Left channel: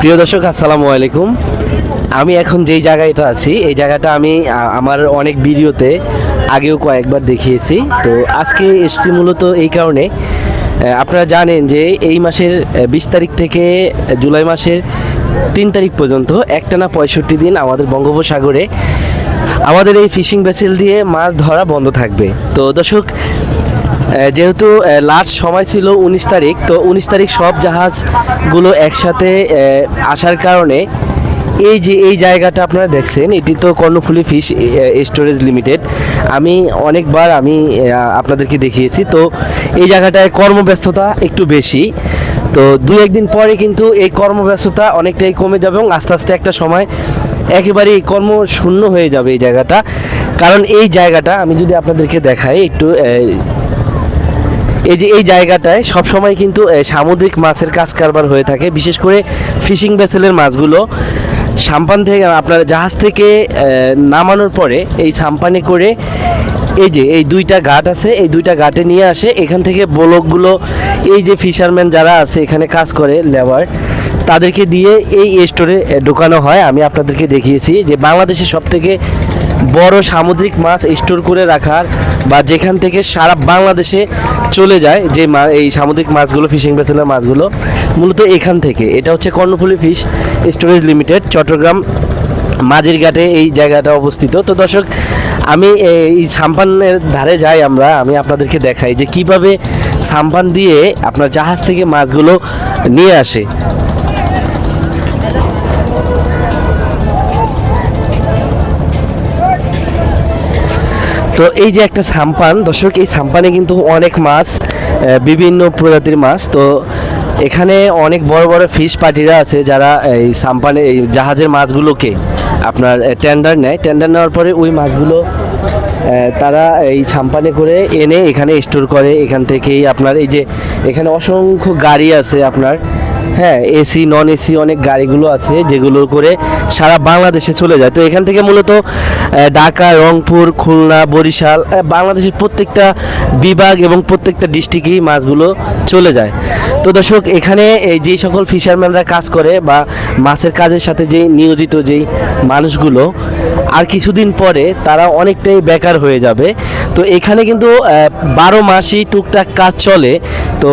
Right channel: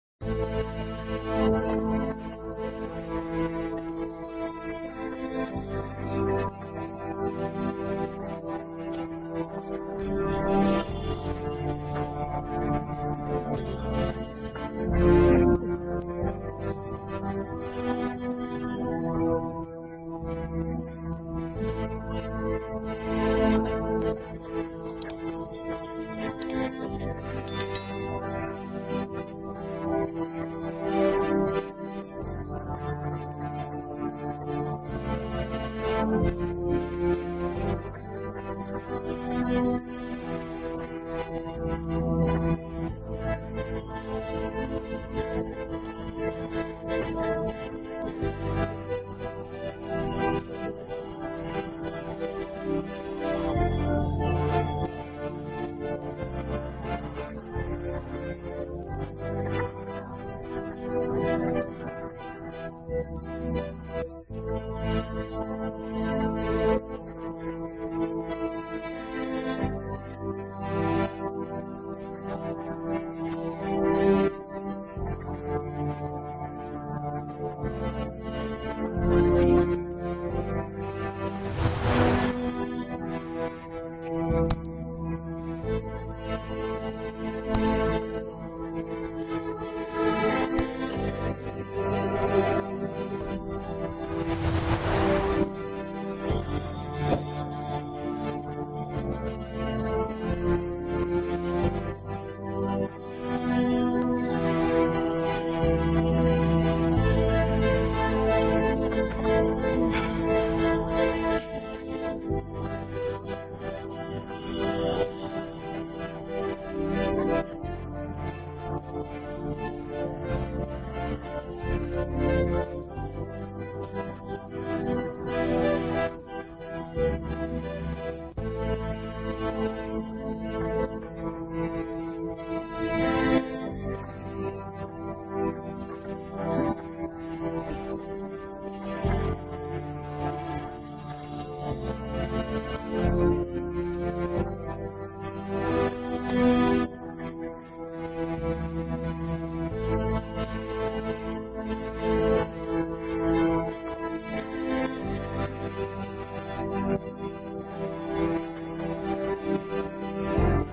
প্রিয় দর্শক, আসসালামু আলাইকুম। আমি এখন যেই জায়গাটা আছি, এই জায়গাটা আমি আমার অনেক ভিডিওতে আগেও কয়েকবার দেখিয়েছি। তো আজকে এসছি মূলত এই কারণে। আপনারা জানেন যে এই মাসের বিশ তারিখ থেকে জুলাই মাসের তিন তারিখ পর্যন্ত একটানা পঁয়ষট্টি দিন আমাদের বঙ্গোপসাগরে আমাদের এই ফিশিং ভেসেল দিয়ে মাছ ধরা বন্ধ থাকবে। তো দর্শক যেহেতু লাস্ট সময় ছিল উনিশ তারিখ, তো উনিশ তারিখ সব জাহাজগুলো একসাথে আসার কারণে এই যে, এই জায়গাটা আপনারা দেখছেন, এটি তো কর্ণফুলি ফিশ স্টোরেজ লিমিটেড। আমি অনেকবার আমি আপনাদেরকে দেখিয়েছি, তো এই জায়গাটায় কর্মব্যস্ততা একটু বেশি। তো দুই, একদিন পরে কিন্তু এই কর্মব্যস্ততা অনেকটাই কমে যাবে এবং আস্তে আস্তে একটা সময় একেবারেই কর্ম শূন্য হয়ে যাবে এই জায়গাটা। কারণ এই জায়গাটা আমি যদি আপনাদেরকে দেখাই, একটু এই যে এই জায়গাটায় সবসময় কিন্তু সামুদ্রিক মাছের কাজ কারবার হয়ে থাকে, বিশেষ করে ফিশিং ভেসেলের মাছগুলো। সাম্পান থেকে আপনার জাহাজ থেকে নামানোর পরে এই সাম্পানে করে এই যে এই দুইটা ঘাট আছে, এই দুইটা ঘাটে নিয়ে আসে, এখান থেকে বলকগুলো, এই যে ফিশারম্যান যারা আছে, এখানে কাজ করে, লেবার, তাদেরকে দিয়ে এই স্টোরে ঢোকানো হয়। আমি আপনাদেরকে দেখিয়েছি যে বাংলাদেশের সব থেকে বড় সামুদ্রিক মাছ স্টোর করে রাখার বা যেখান থেকে সারা বাংলাদেশে চলে যায় যে এই সামুদ্রিক মাছগুলো ফিশিং ভেসেলের মাছগুলো, মূলত এখান থেকে। এটা হচ্ছে Karnaphuli fish storage limited Chittagong মাঝির ঘাটে এই জায়গাটা অবস্থিত। তো দর্শক, আমি এই সাম্পানের ধারে যাই আমরা, আমি আপনাদেরকে দেখাই যে কীভাবে সাম্পান দিয়ে আপনার জাহাজ থেকে মাছগুলো নিয়ে আসে। তো এই যে একটা সাম্পান, দর্শক, এই সাম্পানে কিন্তু অনেক মাছ বিভিন্ন প্রজাতির মাছ। তো এখানে অনেক বড় বড় ফিশ পার্টিরা আছে যারা এই সাম্পানে, এই জাহাজের মাছগুলোকে আপনার টেন্ডার নেয়। টেন্ডার নেওয়ার পরে ওই মাছগুলো তারা এই সাম্পানে করে এনে এখানে স্টোর করে। এখান থেকেই আপনার এই যে, এখানে অসংখ্য গাড়ি আছে আপনার। হ্যাঁ এসি নন এসি অনেক গাড়িগুলো আছে যেগুলো করে সারা বাংলাদেশে চলে যায়। তো এখান থেকে মূলত ঢাকা, রংপুর, খুলনা, বরিশাল বাংলাদেশের প্রত্যেকটা বিভাগ এবং প্রত্যেকটা ডিস্ট্রিক্টেই মাছগুলো চলে যায়। তো দর্শক, এখানে এই যেই সকল ফিশারম্যানরা কাজ করে বা মাছের কাজের সাথে যেই নিয়োজিত যেই মানুষগুলো, আর কিছুদিন পরে তারা অনেকটাই বেকার হয়ে যাবে। তো এখানে কিন্তু বারো মাসই টুকটাক কাজ চলে। তো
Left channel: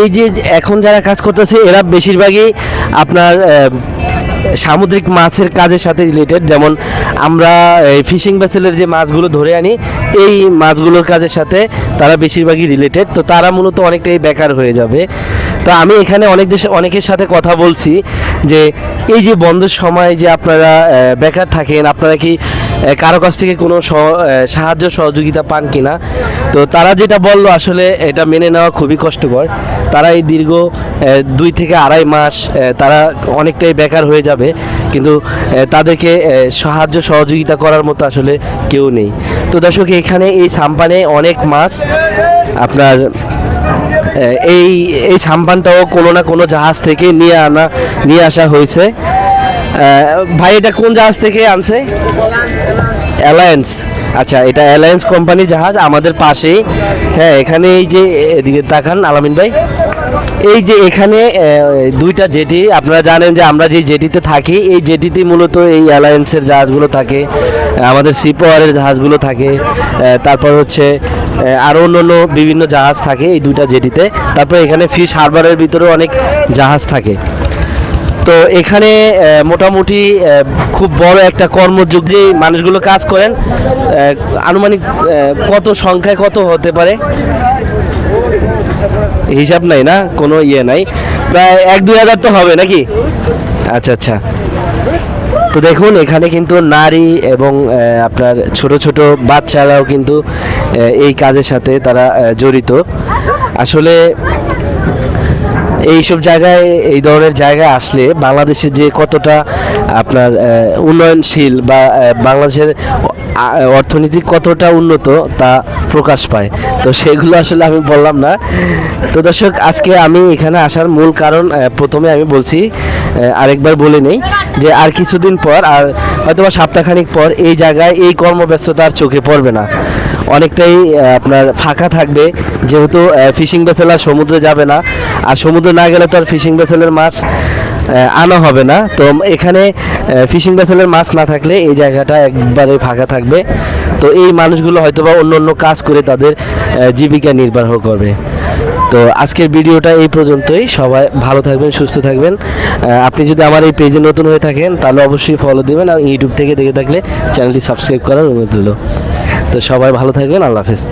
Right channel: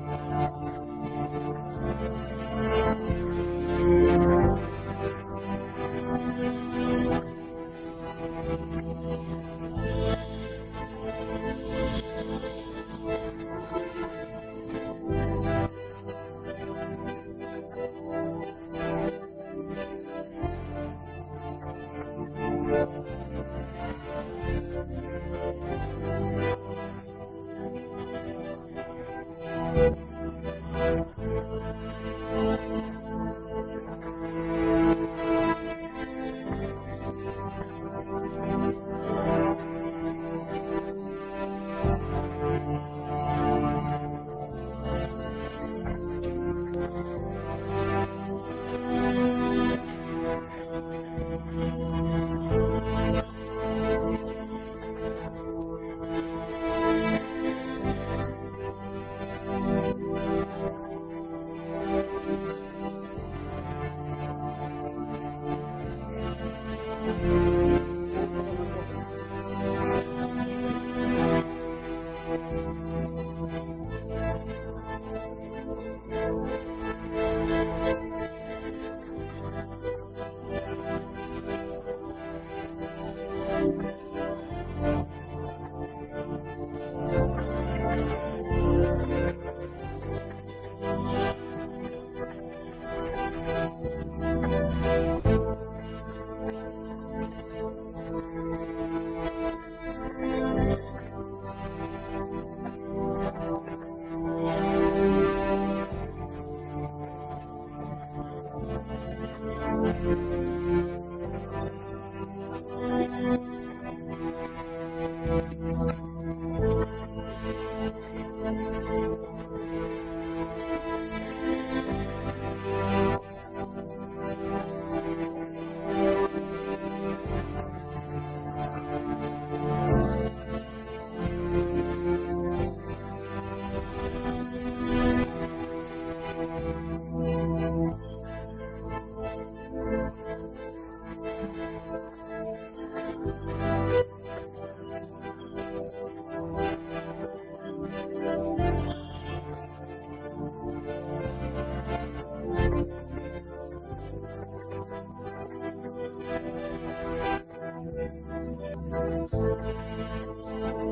এই যে এখন যারা কাজ করতেছে, এরা বেশিরভাগই আপনার সামুদ্রিক মাছের কাজের সাথে রিলেটেড যেমন আমরা ফিশিং ভেসেলের যে মাছগুলো ধরে আনি, এই মাছগুলোর কাজের সাথে তারা বেশিরভাগই রিলেটেড তো তারা মূলত অনেকটাই বেকার হয়ে যাবে। তো আমি এখানে অনেক দেশে, অনেকের সাথে কথা বলছি যে, এই যে বন্ধের সময় যে আপনারা বেকার থাকেন, আপনারা কি কারও কাছ থেকে কোনো সাহায্য, সহযোগিতা পান কিনা? তো তারা যেটা বলল, আসলে এটা মেনে নেওয়া খুবই কষ্টকর। তারা এই দীর্ঘ দুই থেকে আড়াই মাস তারা অনেকটাই বেকার হয়ে যাবে, কিন্তু তাদেরকে সাহায্য সহযোগিতা করার মতো আসলে কেউ নেই। তো দর্শক, এখানে এই সাম্পানে অনেক মাছ, আপনার এই এই সাম্পানটাও কোনো না কোনো জাহাজ থেকে নিয়ে আনা, নিয়ে আসা হয়েছে। ভাই, এটা কোন জাহাজ থেকে আনছে? অ্যালায়েন্স আচ্ছা এটা অ্যালায়েন্স কোম্পানি জাহাজ, আমাদের পাশেই। হ্যাঁ এখানে এই যে, এদিকে তাকান, আলামিন ভাই। এই যে এখানে দুইটা জেটি, আপনারা জানেন যে আমরা যে জেটিতে থাকি, এই জেটিতে মূলত এই অ্যালায়েন্সের জাহাজগুলো থাকে আমাদের সিপাওয়ারের জাহাজগুলো থাকে তারপর হচ্ছে আরও অন্য অন্য বিভিন্ন জাহাজ থাকে এই দুইটা জেটিতে। তারপর এখানে ফিশ হারবারের ভিতরেও অনেক জাহাজ থাকে। তো এখানে মোটামুটি খুব বড় একটা কর্মযোগ যে মানুষগুলো কাজ করেন আনুমানিক কত সংখ্যায় কত হতে পারে? হিসাব নাই না? কোনো ইয়ে নাই। প্রায় এক দুই হাজার তো হবে নাকি? আচ্ছা আচ্ছা। তো দেখুন, এখানে কিন্তু নারী এবং আপনার ছোট ছোট বাচ্চারাও কিন্তু এই কাজের সাথে তারা জড়িত। আসলে এইসব জায়গায়, এই ধরনের জায়গায় আসলে বাংলাদেশের যে কতটা আপনার উন্নয়নশীল বা বাংলাদেশের অর্থনীতি কতটা উন্নত তা প্রকাশ পায়। তো সেগুলো আসলে আমি বললাম না। তো দর্শক, আজকে আমি এখানে আসার মূল কারণ প্রথমে আমি বলছি আরেকবার বলে নেই যে আর কিছুদিন পর আর হয়তো বা সপ্তাহখানিক পর এই জায়গায় এই কর্মব্যস্ততা আর চোখে পড়বে না। অনেকটাই আপনার ফাঁকা থাকবে, যেহেতু ফিশিং ভেসেল আর সমুদ্রে যাবে না। আর সমুদ্রে না গেলে তো আর ফিশিং ভেসেলের মাছ আনা হবে না। তো এখানে ফিশিং ভেসেলের মাছ না থাকলে এই জায়গাটা একবারে ফাঁকা থাকবে। তো এই মানুষগুলো হয়তো বা অন্য অন্য কাজ করে তাদের জীবিকা নির্বাহ করবে। তো আজকের ভিডিওটা এই পর্যন্তই। সবাই ভালো থাকবেন, সুস্থ থাকবেন। আপনি যদি আমার এই পেজে নতুন হয়ে থাকেন, তাহলে অবশ্যই ফলো দেবেন আর ইউটিউব থেকে দেখে থাকলে চ্যানেলটি সাবস্ক্রাইব করার অনুরোধ তো সবাই ভালো থাকবেন, আল্লাহ হাফেজ।